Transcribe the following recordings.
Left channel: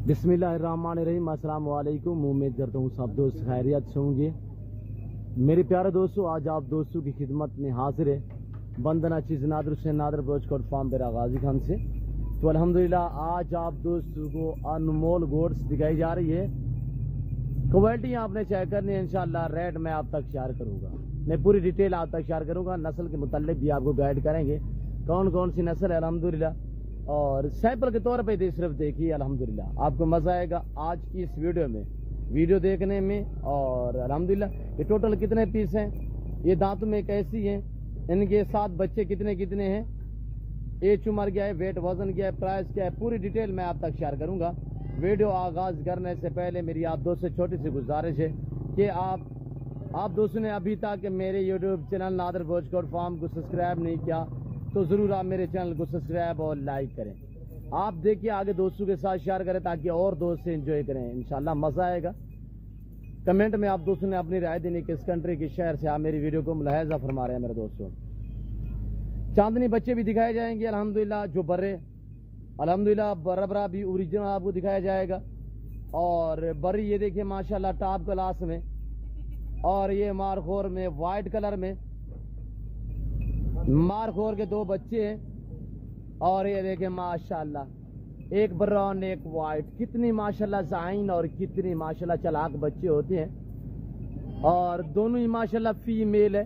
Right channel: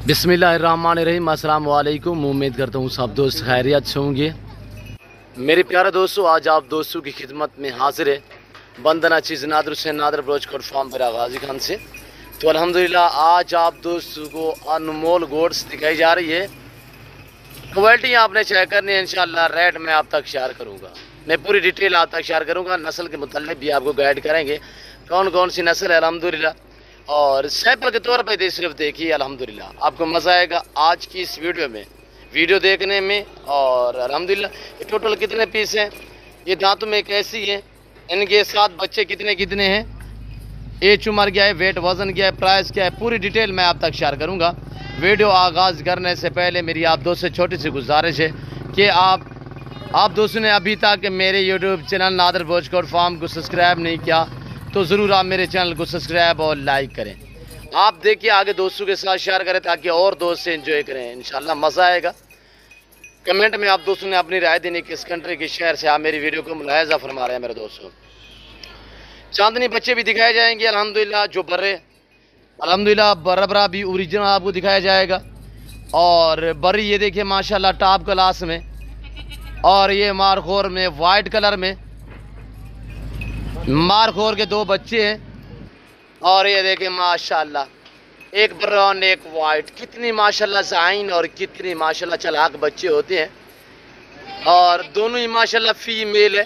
बिस्मिल्लाहिर्रहमानिर्रहीम। अस्सलाम वालेकुम। उम्मीद करता हूँ सब दोस्त खैरियत से होंगे। मेरे प्यारे दोस्तों, आज आप दोस्तों की खिदमत में हाजिर है बंदना चीज़ नादर से नादर ब्रोचकोट फार्म पर गाजी खान से। तो अल्हम्दुलिल्लाह आज आप दोस्तों को अनमोल गोड्स दिखाई जा रही है। क्वालिटी आपने चेक करनी है, इंशाल्लाह रेट मैं आप तक शेयर करूँगा। मैं पूरी डिटेल आप तक शेयर करूँगा। नस्ल के मुताल्लिक़ भी आपको गाइड करेंगे कौन कौन सी नस्ल है अल्हम्दुलिल्लाह, और सैंपल के तौर पर सिर्फ देखिए। अल्हम्दुलिल्लाह आपको मज़ा आएगा आज की इस वीडियो देखने में। और अल्हम्दुलिल्लाह ये टोटल कितने पीस हैं, ये दांतों में कैसी हैं, इनके साथ बच्चे कितने हैं, एज उम्र क्या है, वेट वज़न क्या है, प्राइस क्या है, पूरी डिटेल मैं आप तक शेयर करूँगा। वीडियो आगाज़ करने से पहले मेरी आप दोस्तों से छोटी सी गुजारिश है कि आप दोस्तों ने अभी तक मेरे यूट्यूब चैनल नादर ब्रोचकोट फार्म को सब्सक्राइब नहीं किया तो ज़रूर आप मेरे चैनल को सब्सक्राइब और लाइक करें। आप देखिए आगे दोस्तों के साथ शेयर करें ताकि और दोस्त से एंजॉय करें, इंशाल्लाह मज़ा आएगा। कमेंट में आप दोस्तों ने अपनी राय देनी किस कंट्री के शहर से आप मेरी वीडियो को मुलाहिजा फरमा रहे हैं। मेरे दोस्तों चांदनी बच्चे भी दिखाए जाएंगे अल्हम्दुलिल्लाह, जो बर्रे अल्हम्दुलिल्लाह बरबरा भी ओरिजिनल आपको दिखाया जाएगा। और बर्री ये देखिए माशाल्लाह टॉप क्लास में, और ये मारखोर में वाइट कलर में मारखोर के दो बच्चे हैं। और ये देखिए माशाल्लाह एक ब्राउन एक वाइट, कितनी माशाल्लाह साइन और कितनी माशाल्लाह चालाक बच्चे होते हैं। और दोनों ही माशाल्लाह फीमेल है।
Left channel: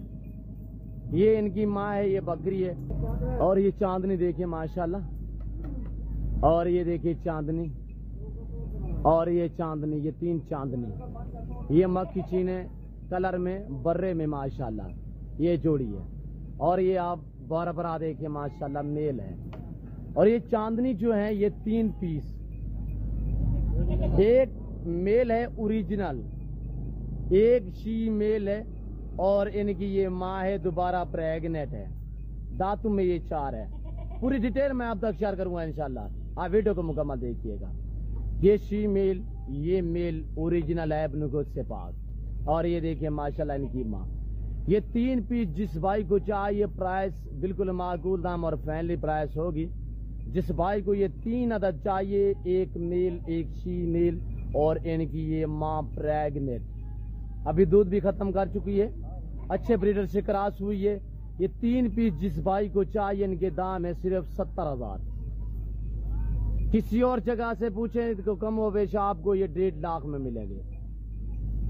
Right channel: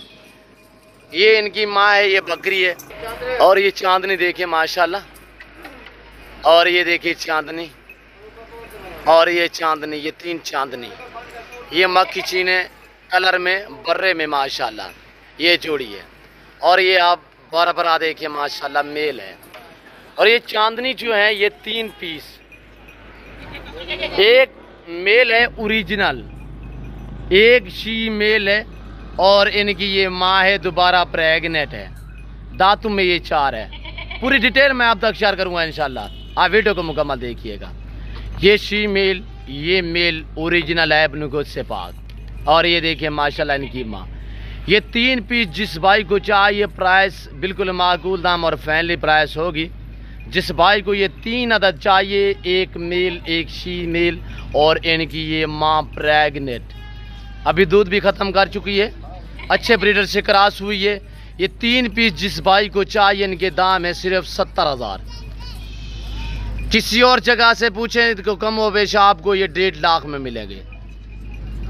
ये इनकी माँ है, ये बकरी है। और ये चांदनी देखिए माशाल्लाह, और ये देखिए चांदनी, और ये चांदनी, ये तीन चांदनी, ये मक्खी चीने कलर में बर्रे में माशाल्लाह ये जोड़ी है। और ये आप बराबर देखिए माशाल्लाह मेल है। और ये चांदनी जो है ये 3 पीस, एक मेल है ओरिजिनल, एक शी मेल है, और इनकी ये माँ है दोबारा प्रेग्नेंट है। दांतों में ये 4 है। पूरी डिटेल मैं आप तक शेयर करूँगा इंशाल्लाह, आप वीडियो को मुकम्मल देखिएगा। ये शी मेल, ये मेल ओरिजिनल है अपने से पाक। और ये देखिए माशाल्लाह इनकी माँ। ये 3 पीस जिस भाई को चाहिए प्राइस बिल्कुल माकूल दाम और फैमिली प्राइस होगी। जिस भाई को ये 3 अदद चाहिए, एक मेल एक शी मेल और इनकी ये माँ प्रेग्नेंट, अभी दूध भी ख़त्म कर चुकी है, अच्छे ब्रीडर से क्रॉस हुई है। ये 3 पीस जिस भाई को चाहिए इनके दाम है सिर्फ 70,000। किसी और जगह से पूछें तो कम हो बेश आपको ये 1.5 लाख में मिलेंगे।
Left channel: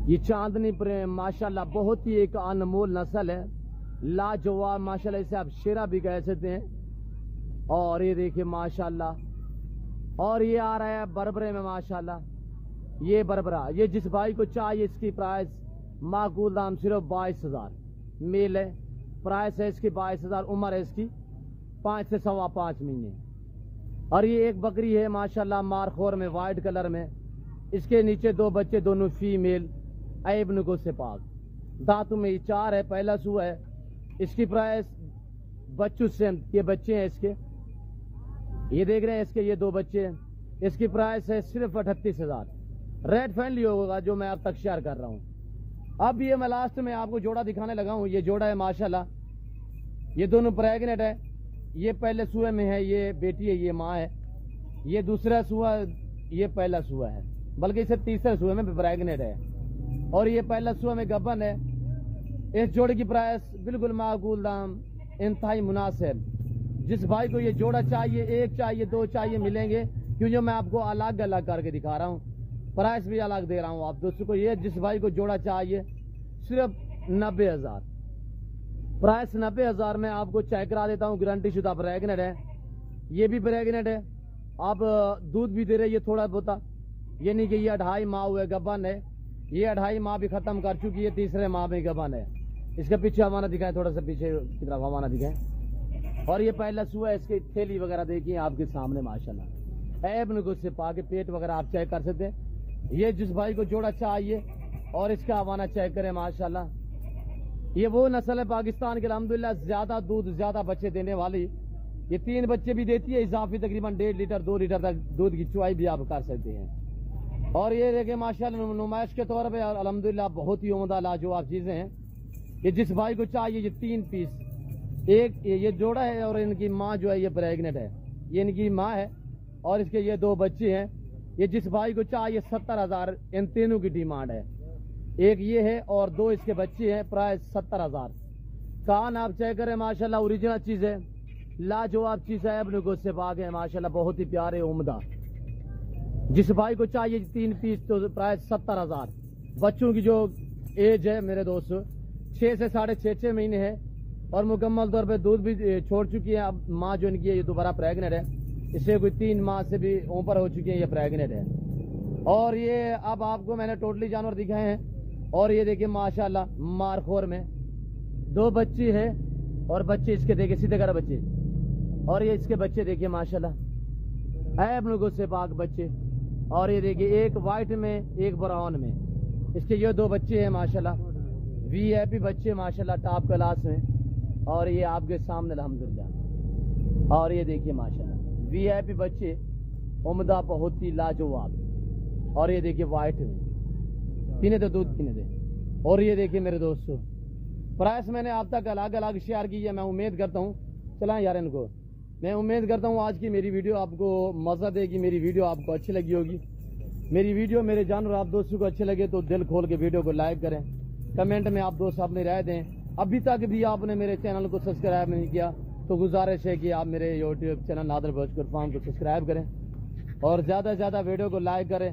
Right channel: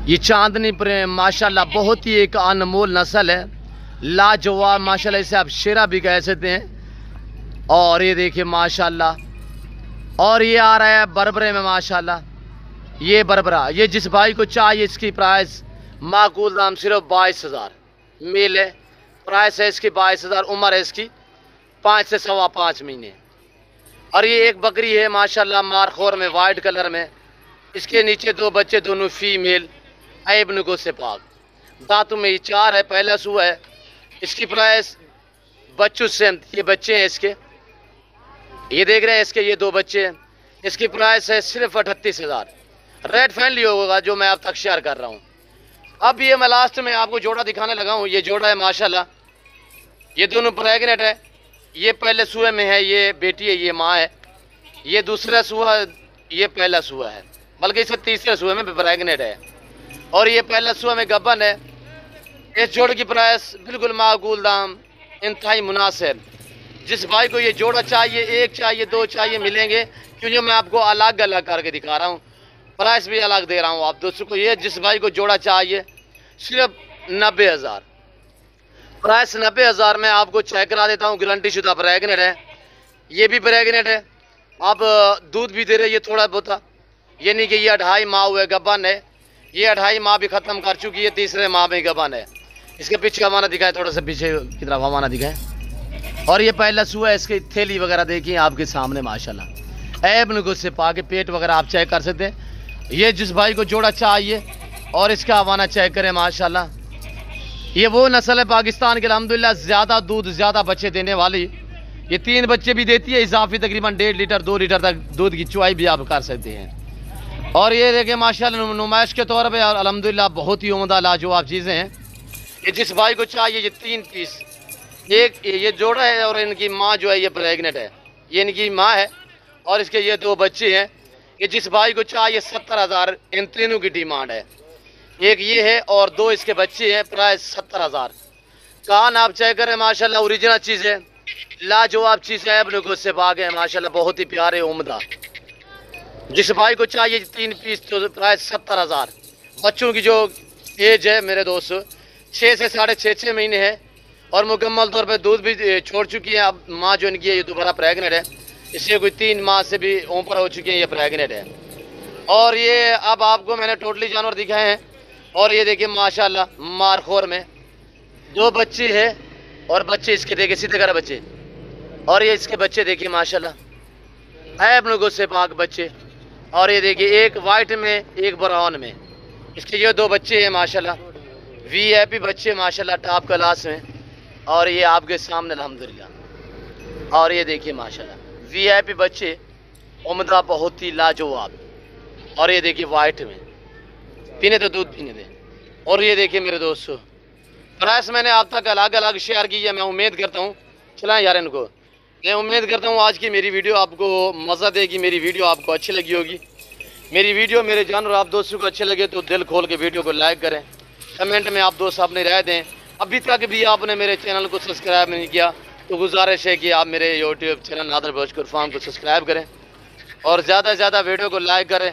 ये चांदनी पर माशाल्लाह बहुत ही एक अनमोल नस्ल है, लाजवाब माशाल्लाह, इसे आप शेरा भी कह सकते हैं। और ये देखिए माशाल्लाह, और ये आ रहा है बरबरे में माशाल्लाह, ये बरबरा, ये जिस भाई को चाहिए इसकी प्राइस माकूल दाम सिर्फ 22,000 मेल है। प्राइस है इसकी 22,000, उम्र है इसकी 5 से 5.25 महीने। और ये एक बकरी है माशाल्लाह मारखोर में वाइट कलर में, इसके नीचे 2 बच्चे दोनों फीमेल ऐबनुको से पाक, दांतों में ये 4 है, पहला सुआ है। इसकी प्राइस बच्चों से, ये बच्चे हैं इसके, ये देख रहे हैं इसके ये 2 बच्चे हैं। इसकी प्राइस है सिर्फ 38,000। रेट फ्रेंडली होगा जो मैं आप तक शेयर कर रहा हूँ। अब ये मैं लास्ट में आपको जोड़ा दिखाने लगा हूँ। ये जोड़ा है माशाल्लाह, ये दोनों प्रेग्नेंट है। ये पहले सुए में है, ये बेटी है, ये माँ है। ये दूसरा सुआ, ये पहला सुआ है, बल्कि इससे तीसरे सुए में प्रेग्नेंट है। और ये पहला सुआ में गब्बन है। इस जोड़ की प्राइस बिल्कुल माकूल दाम, इंतहाई मुनासिब। जिस भाई को ये जोड़ा चाहिए, एक चाहिए, 2 चाहिए, मिलेंगे, क्योंकि मैं आपको अलग अलग करके दिखा रहा हूँ, प्राइस भी अलग दे रहा हूँ आप दोस्तों को। ये जिस भाई को जोड़ा चाहिए सिर्फ 90,000, प्राइस 90,000 में आपको चेक करा देता हूँ। गारंटी शुदा प्रेग्नेंट है, ये भी प्रेग्नेंट है, आप दूध भी दे रहे, ये थोड़ा बहुत, ये नहीं कि ये 2.5 माह हुए गबन है, ये 2.5 माह भी ख़त्म कर चुकी है, तीसरे माह में गबन है। इसके पीछे हमारा दिखाए, थोड़ा सा पीछे की तरफ हमारा दिखाए। और ये पहला सुआ है, इसकी थैली वगैरह देखिए आपके सामने माशाल्लाह, ऐब से पा के पेट वगैरह आप चेक कर सकते हैं। ये जिस भाई को जोड़ा चाहिए और इसका हवाना चेक करें माशाल्लाह, ये वो नस्ल है पाकिस्तान के अल्हम्दुलिल्लाह ज़्यादा दूध ज़्यादा बच्चे देने वाली। ये 3 बच्चे भी देती है, इजाफी तकरीबन 1.5 लीटर 2 लीटर तक दूध की चुवाई भी आप कर सकते हैं। और ये देखिए माशाल्लाह नुमाइश के तौर पे अल्हम्दुलिल्लाह बहुत ही उम्दा लाजवाब चीज़ें हैं। ये जिस भाई को चाहिए ये 3 पीस, एक ये जोड़ा है और इनकी माँ जो है ये प्रेग्नेंट है, ये इनकी माँ है। और इसके ये 2 बच्चे हैं, ये जिस भाई को चाहिए 70,000 इन तीनों की डिमांड है। एक ये है और दो इसके बच्चे हैं, प्राइस 70,000। कान आप चेक करें माशाल्लाह, ओरिजिनल चीज़ है, लाजवाब चीज़ है, अपने को से बाग है माशाल्लाह, बहुत ही प्यारे उम्दा। जिस भाई को चाहिए 3 पीस तो प्राइस 70,000। बच्चों की जो एज है मेरे दोस्तों 6 से 6.5 महीने है और मुकम्मल तौर पे दूध भी छोड़ चुकी है। अब माँ जो इनकी है ये दोबारा प्रेगनेंट है, इसलिए कोई 3 माह से भी ऊपर हो चुकी है, ये प्रेगनेंट है। और ये अब आपको मैंने टोटली जानवर दिखाए हैं। और ये देखिए माशाल्लाह मारखोर में 2 बच्चे हैं और बच्चे इसके देखिए सीधे कर बच्चे, और ये इसके बच्चे देखिए माशाल्लाह है अपने को से पाक बच्चे। और ये देखिए एक वाइट में एक ब्राउन में, इसके ये 2 बच्चे हैं माशाल्लाह, वीआईपी बच्चे माशाल्लाह टॉप क्लास में। और ये आपके सामने अल्हम्दुलिल्लाह। और ये देखिए माशाल्लाह वीआईपी बच्चे उम्दा, बहुत ही लाजवाब। और ये देखिए वाइट में, पीने तो दूध पीने दे। और ये देखिए मेरे दोस्तों प्राइस मैंने आप तक अलग अलग शेयर की है। मैं उम्मीद करता हूँ चलाएं यार इनको, मैं उम्मीद करता हूँ आज की मेरी वीडियो आपको मज़ा देगी, मेरी वीडियो आपको अच्छी लगी होगी। मेरी वीडियो मेरे जानवर आप दोस्तों को अच्छे लगे तो दिल खोल के वीडियो को लाइक करें, कमेंट में आप दोस्त अपनी राय दें। अभी तक भी आपने मेरे चैनल को सब्सक्राइब नहीं किया तो गुजारिश है कि आप मेरे YouTube channel Nadar Bhojpur farm को सब्सक्राइब करें और ज़्यादा से ज़्यादा वीडियो को लाइक करें।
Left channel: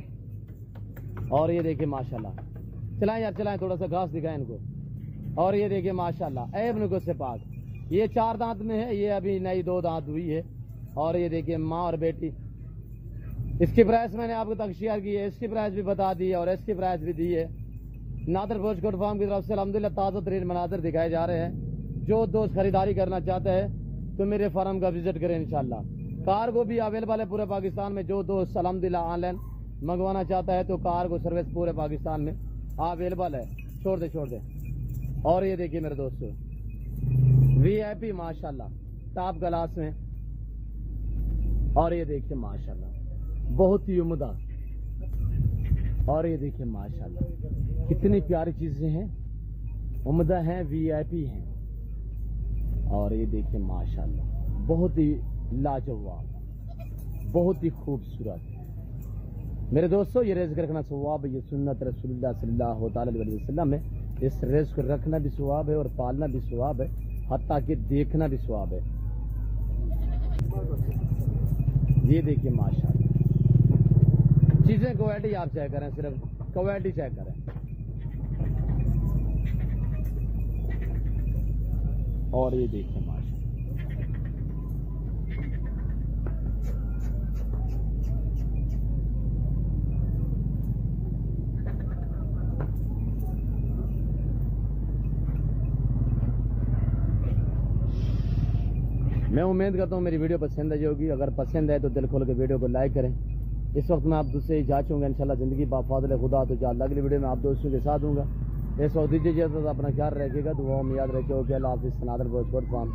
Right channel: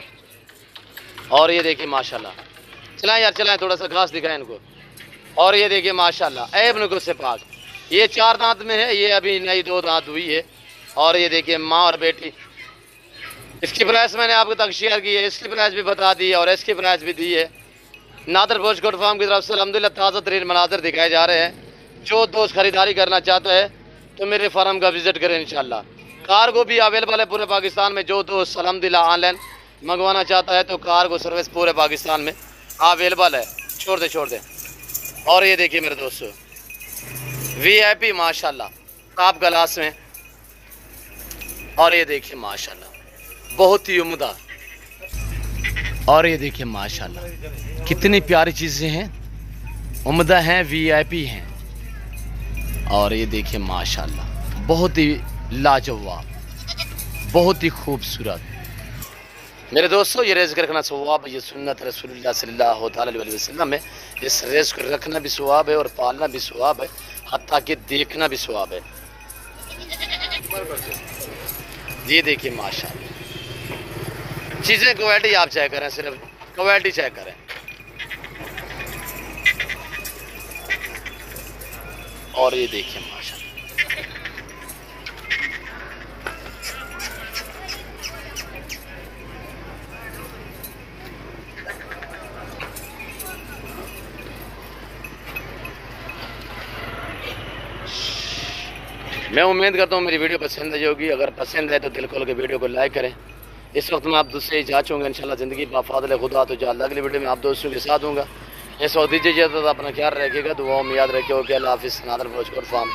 और ये देखिए माशाल्लाह, चलाएं यार चलाएं, थोड़ा सा घास दिखाएं इनको। और ये देखिए माशाल्लाह ऐब नको से पाक, ये 4 दांत में है, ये अभी नई 2 दांत हुई है। और ये देखिए माँ और बेटी। इसकी प्राइस मैंने आपको तक शेयर की है, इसकी प्राइस भी बता दी है और इसकी प्राइस भी दी है। नादर भोजपुर फार्म की तरफ से अल्हम्दुलिल्लाह ताज़ा तरीन मनाजर दिखाए जा रहे हैं। जो दोस्त खरीदारी करना चाहता है तो मेरे फार्म का विज़िट करें इंशाल्लाह। कार्गो भी अवेलेबल है पूरे पाकिस्तान में, जो दोस्त अल्हम्दुलिल्लाह ऑनलाइन मंगवाना चाहता है तो कार्गो सर्विस पूरे पाकिस्तान में अवेलेबल है। छोड़ दे। और ये देखिए मेरे दोस्तों वीआईपी माशाल्लाह टॉप क्लास में। और ये देखिए माशाल्लाह बहुत ही उम्दा। और ये देखिए माशाल्लाह कितनी प्यारी चीज़ें हैं, उम्दा हैं, वीआईपी हैं। और ये देखिए माशाल्लाह बहुत ही लाजवाब, बहुत ही खूबसूरत। मेरे दोस्तों ये रेज़ रखना सवाब, ये सुन्नत रसूलुल्लाह सल्लल्लाहु अलैहि वसल्लम है। इस रेज़ को रखना भी सवाब है और पालना भी सवाब है, हत्ता कि देखना भी सवाब है। ये देखिए माशाल्लाह चीज़ें क्वालिटी आप चेक करें, सिर्फ क्वालिटी चेक करें। और ये देखिए माशाल्लाह मैं उम्मीद करता हूँ मेरी वीडियो पसंद आई होगी। अगर पसंद है तो दिल खोल के वीडियो को लाइक करें। इस वक्त मैं आप दूसरे इजाज़त होंगे इंशाल्लाह ज़िंदगी बाफादल खुदा तो जल्द अगली वीडियो में आप दोस्तों के साथ दूँगा। इस वक्त दीजिए इजाज़त, अपना ख्याल रखिएगा, दुआओं में याद रखिएगा। अल्लाह हाफ़िज़। नादर भोजपुर फार्म।